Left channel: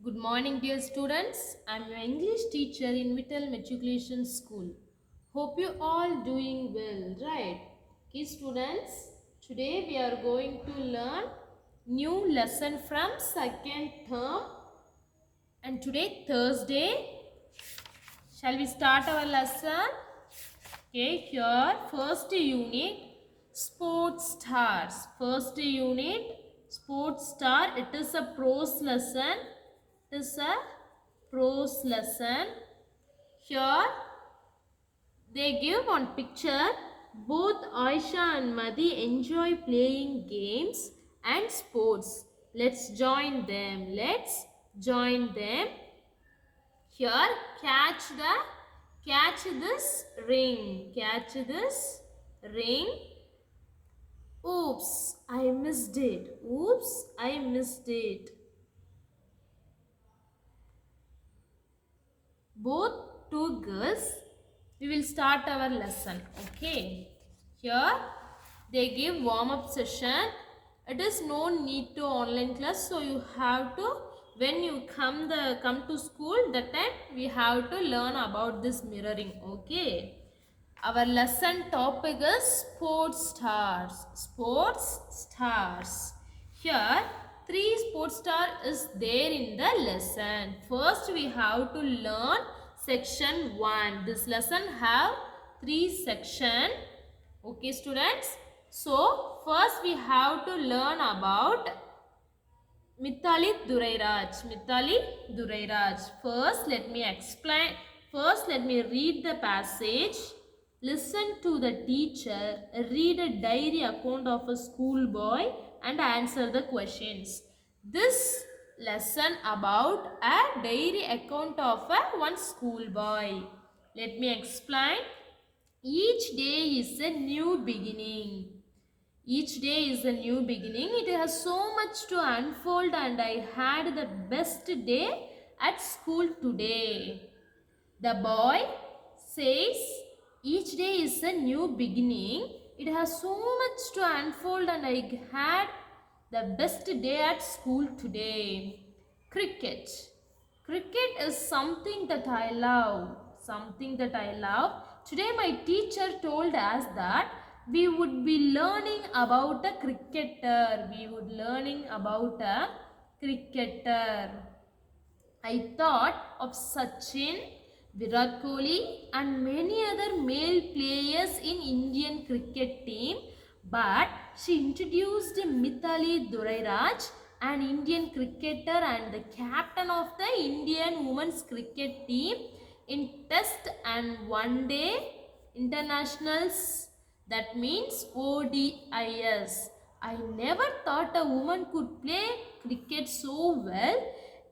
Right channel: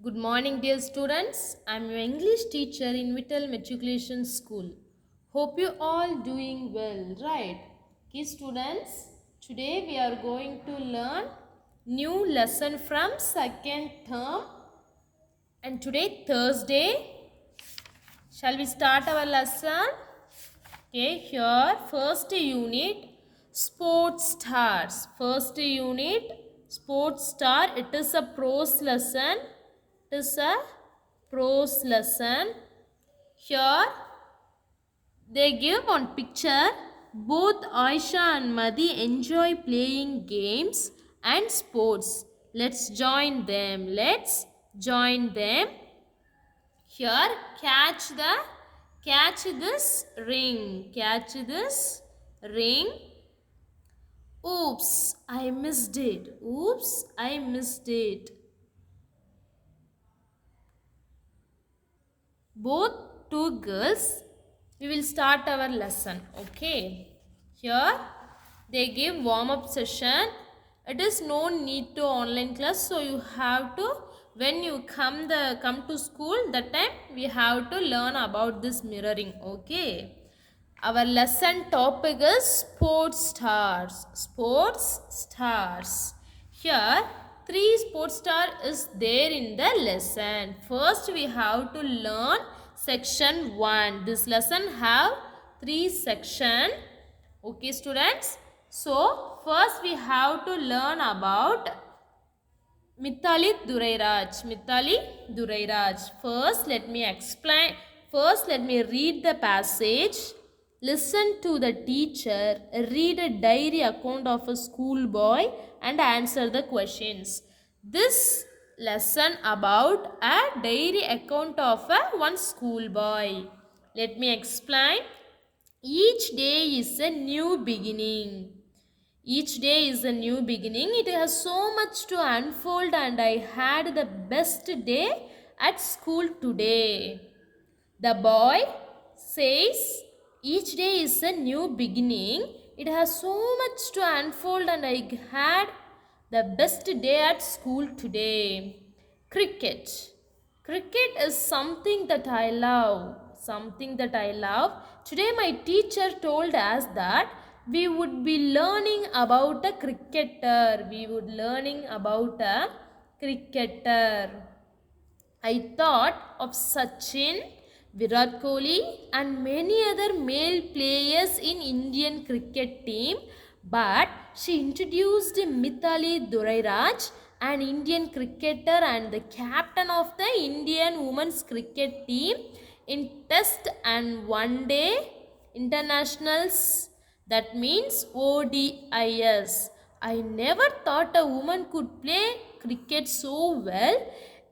Good morning, dear students. I am your English teacher in Vittal Matriculation School. Hope you all doing well, right? Okay, students. Today we are going to learn new lesson from second term. And today, Thursday, shall we start our lesson? Okay, here first unit, sports stars. First unit, sports star. It is a prose lesson. It is a prose lesson. Here they give one picture. Both Aisha and Madi enjoy playing games and sports. Let's join them. Let's join them. Here catch this ring. Catch this ring. Oops, I missed it. Oops, I missed it. Both two girls, we will start our lesson. Okay, here they give warm-up session. It is no need to online class, so you have to, when you come to school, that time we have to learn about this mirroring. Okay, our lesson topic is sports stars. Sports stars. Here three sports star is there in the lesson. First we have to learn section 1. This lesson have 3 section. Okay, students. So first we have to learn about Mithali Durairaj. Mithali Durairaj. First let me explain. First let me read the passage. Listen to the teacher, read a diary account of a schoolboy and answer the questions. This lesson about a diary account of one schoolboy. Let me explain. Each day is a new beginning. Each day is a new beginning. It has so much to unfold and I had the best day at school today. The boy says each day is a new beginning. It has so much to unfold and I had the best day at school today. Cricket. Cricket is something that I love. Something that I love. Today my teacher told us that we would be learning about a cricketer. We would learning about a cricketer. I thought of Sachin, Virat Kohli and many other male players in Indian cricket team, but she introduced Mithali Durairaj, an Indian cricketer and the captain of the Indian women's cricket team in test and one day internationals, that means ODIs. I never thought a woman could play cricket so well.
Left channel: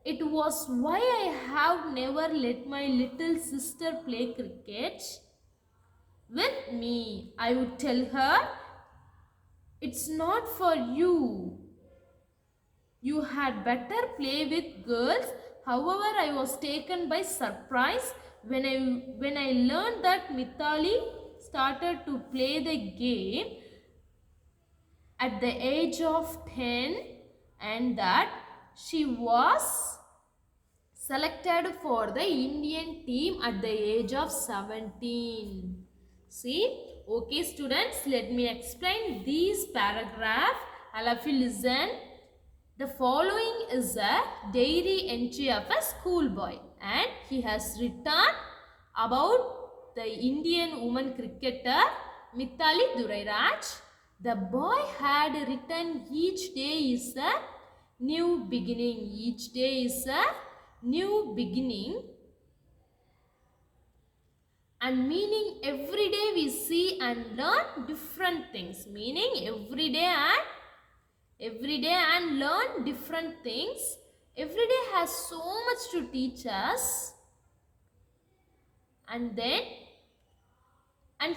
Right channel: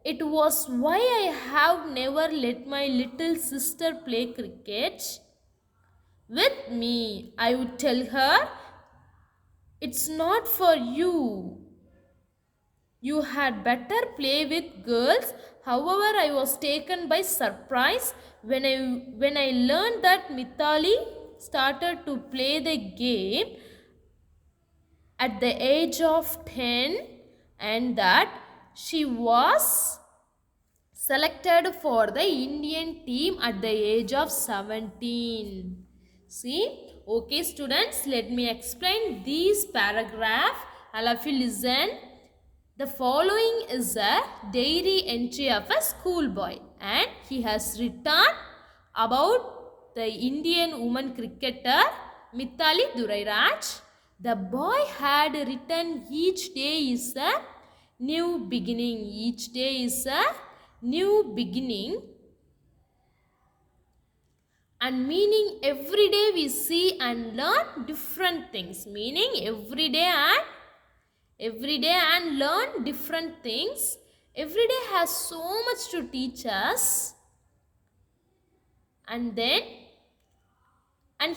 It was why I have never let my little sister play cricket with me. I would tell her, it's not for you. You had better play with girls. However, I was taken by surprise when I learned that Mithali started to play the game at the age of 10 and that she was selected for the Indian team at the age of 17. See, okay students, let me explain these paragraph. All of you listen. The following is a diary entry of a schoolboy and he has written about the Indian woman cricketer Mithali Durairaj. The boy had written each day is a new beginning. Each day is a new beginning and meaning every day we see and learn different things. Meaning every day and learn different things. Every day has so much to teach us. And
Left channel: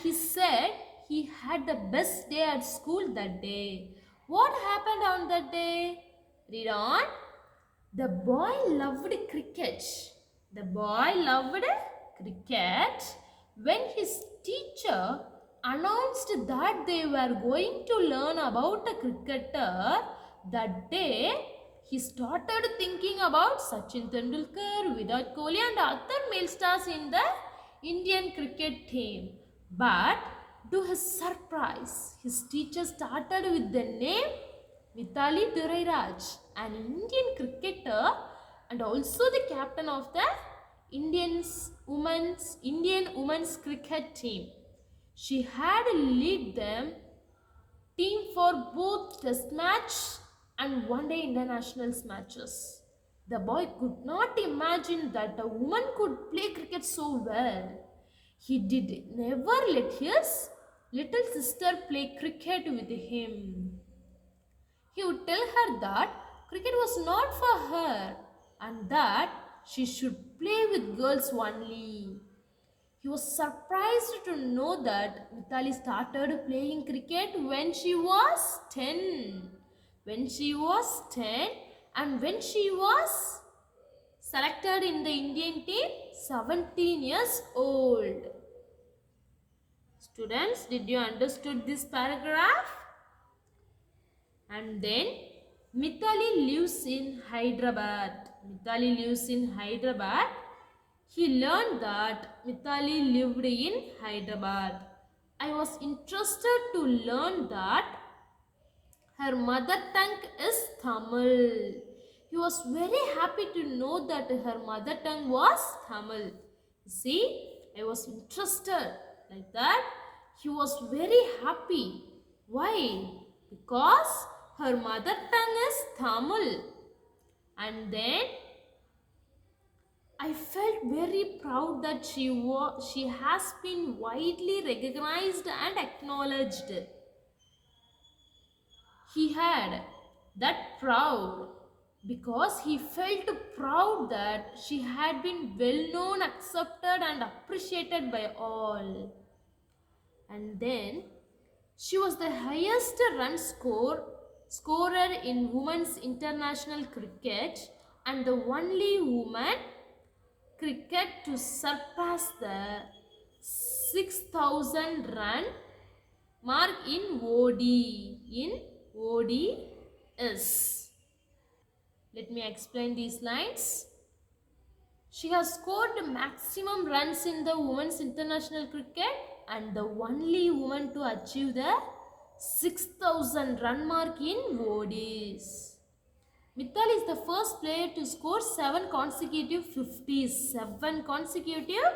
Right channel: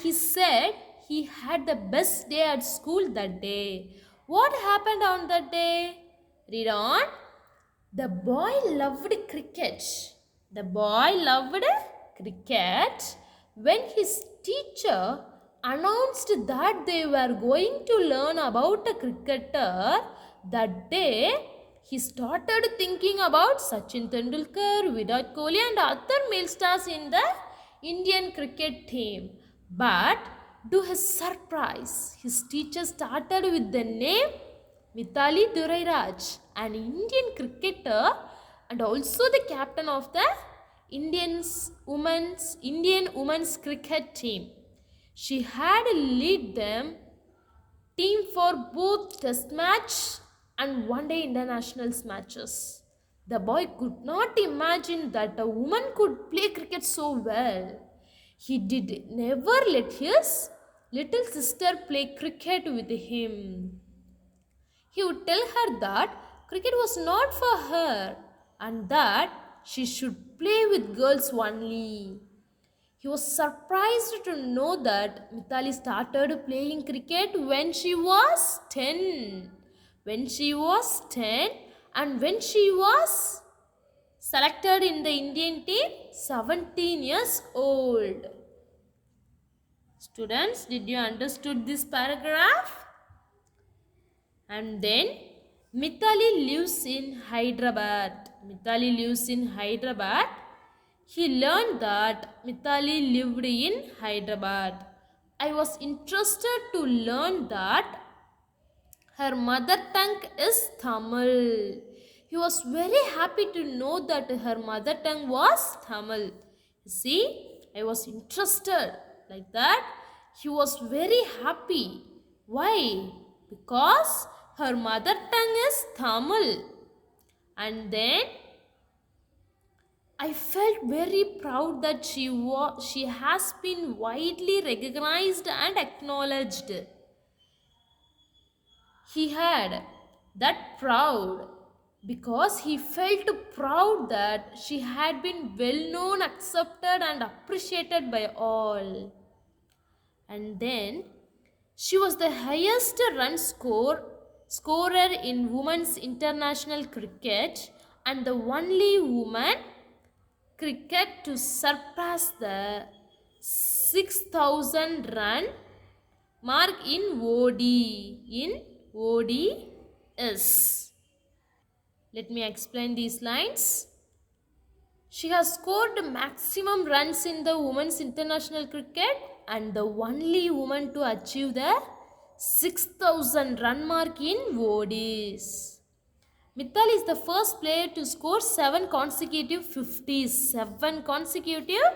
he said he had the best day at school that day. What happened on that day? Read on. The boy loved cricket. The boy loved cricket when his teacher announced that they were going to learn about a cricketer. That day he started thinking about Sachin Tendulkar, Virat Kohli, and other male stars in the Indian cricket team. But to his surprise, his teacher started with the name Mithali Durairaj, an Indian cricketer and also the captain of the Indian women's cricket team. She had led them team for both test match and one day internationals matches. The boy could not imagine that a woman could play cricket so well. He did never let his little sister play cricket with him. He would tell her that cricket was not for her and that she should play with girls only. He was surprised to know that Mithali started playing cricket when she was 10. When she was 10 and when she was selected in the Indian team, 17 years old. Students, did you understood this paragraph? And then Mithali lives in Hyderabad. Mithali lives in Hyderabad. He learned that Mithali lived in Hyderabad. I was interested to learn that her mother tongue is Tamil. He was very happy to know that her mother tongue was Tamil. See, I was interested like that. He was very happy. Why? Because her mother tongue is Tamil. And then I felt very proud that she has been widely recognized and acknowledged. He had that proud because he felt proud that she had been well known, accepted and appreciated by all. And then she was the highest scorer in women's international cricket and the only woman cricket to surpass the 6,000 run mark in ODs. Let me explain these lines. She has scored maximum runs in the women's international cricket and the only woman to achieve the 6,000 run mark in ODs. Mithali is the first player to score 7 consecutive 50s. 7 consecutive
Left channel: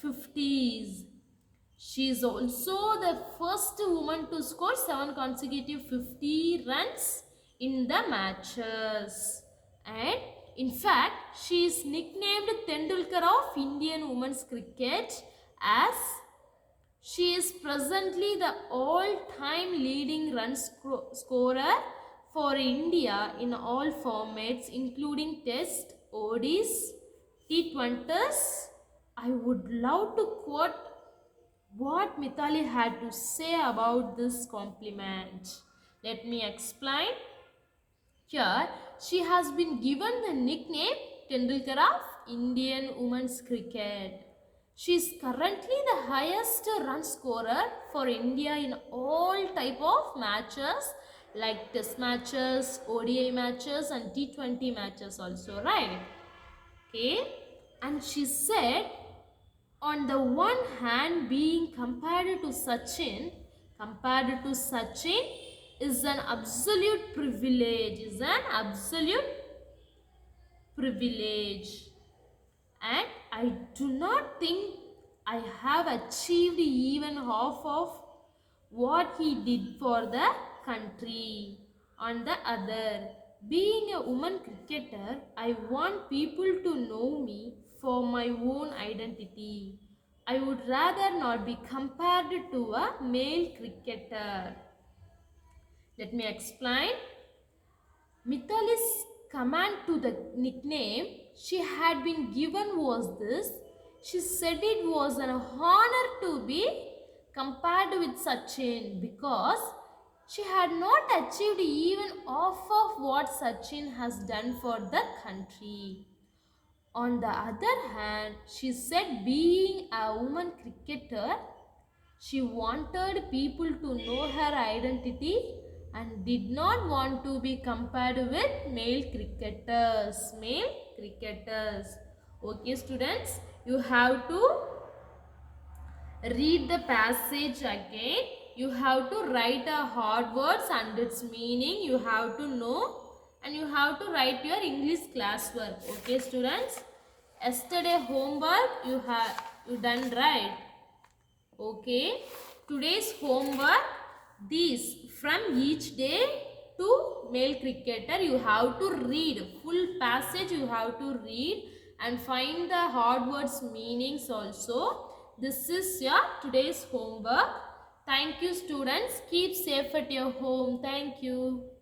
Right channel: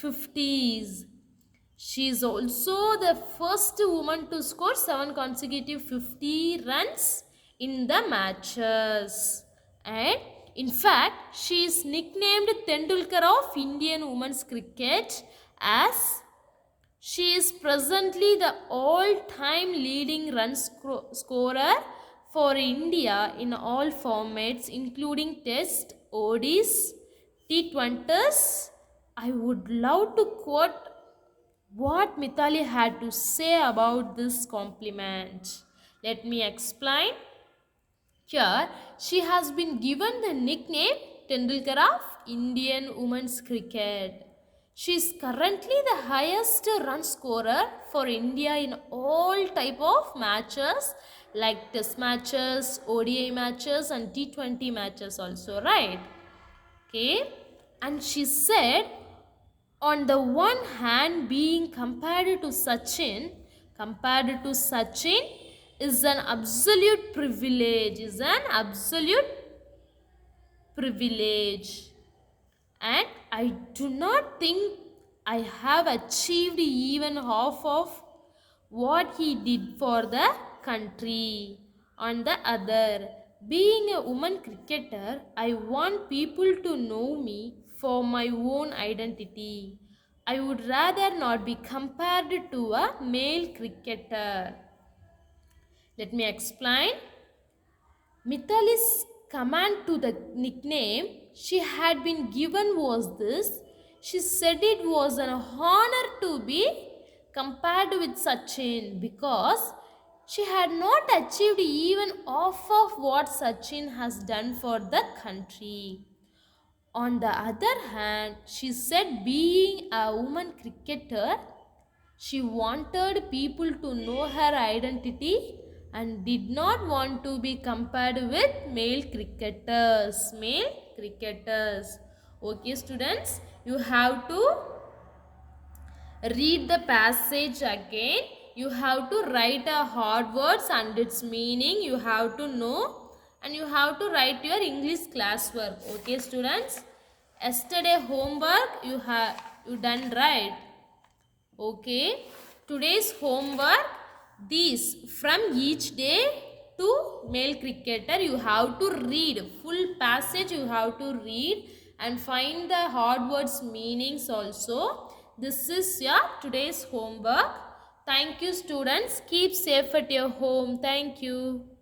50s. She is also the first woman to score 7 consecutive 50 runs in the matches. And in fact, she is nicknamed Tendulkar of Indian women's cricket as she is presently the all-time leading run scorer for India in all formats including Test, ODs, T20s. I would love to quote what Mithali had to say about this compliment. Let me explain. Here, she has been given the nickname Tendulkar of Indian women's cricket. She is currently the highest run scorer for India in all type of matches like test matches, ODI matches and T20 matches also, right? Okay. And she said, on the one hand, being compared to Sachin is an absolute privilege, and I do not think I have achieved even half of what he did for the country. On the other, being a woman cricketer, I want people to know me for my own identity. I would rather not be compared to a male cricketer. Let me explain. Mithali's command to the nickname she had been given was this. She said it was an honor to be compared with Sachin because she had not achieved even half of what Sachin has done for the country. On the other hand, she said being a woman cricketer, she wanted people to know her identity and did not want to be compared with male cricketers. Male cricketers. Okay, students, you have to read the passage again. You have to write a hard words and its meaning. You have to know, and you have to write your English classwork. Okay, students. Yesterday homework you done right. Okay. Today's homework, these from each day to male cricketer, you have to read full passage. You have to read and find the hard words meanings also. This is your today's homework. Thank you, students. Keep safe at your home. Thank you.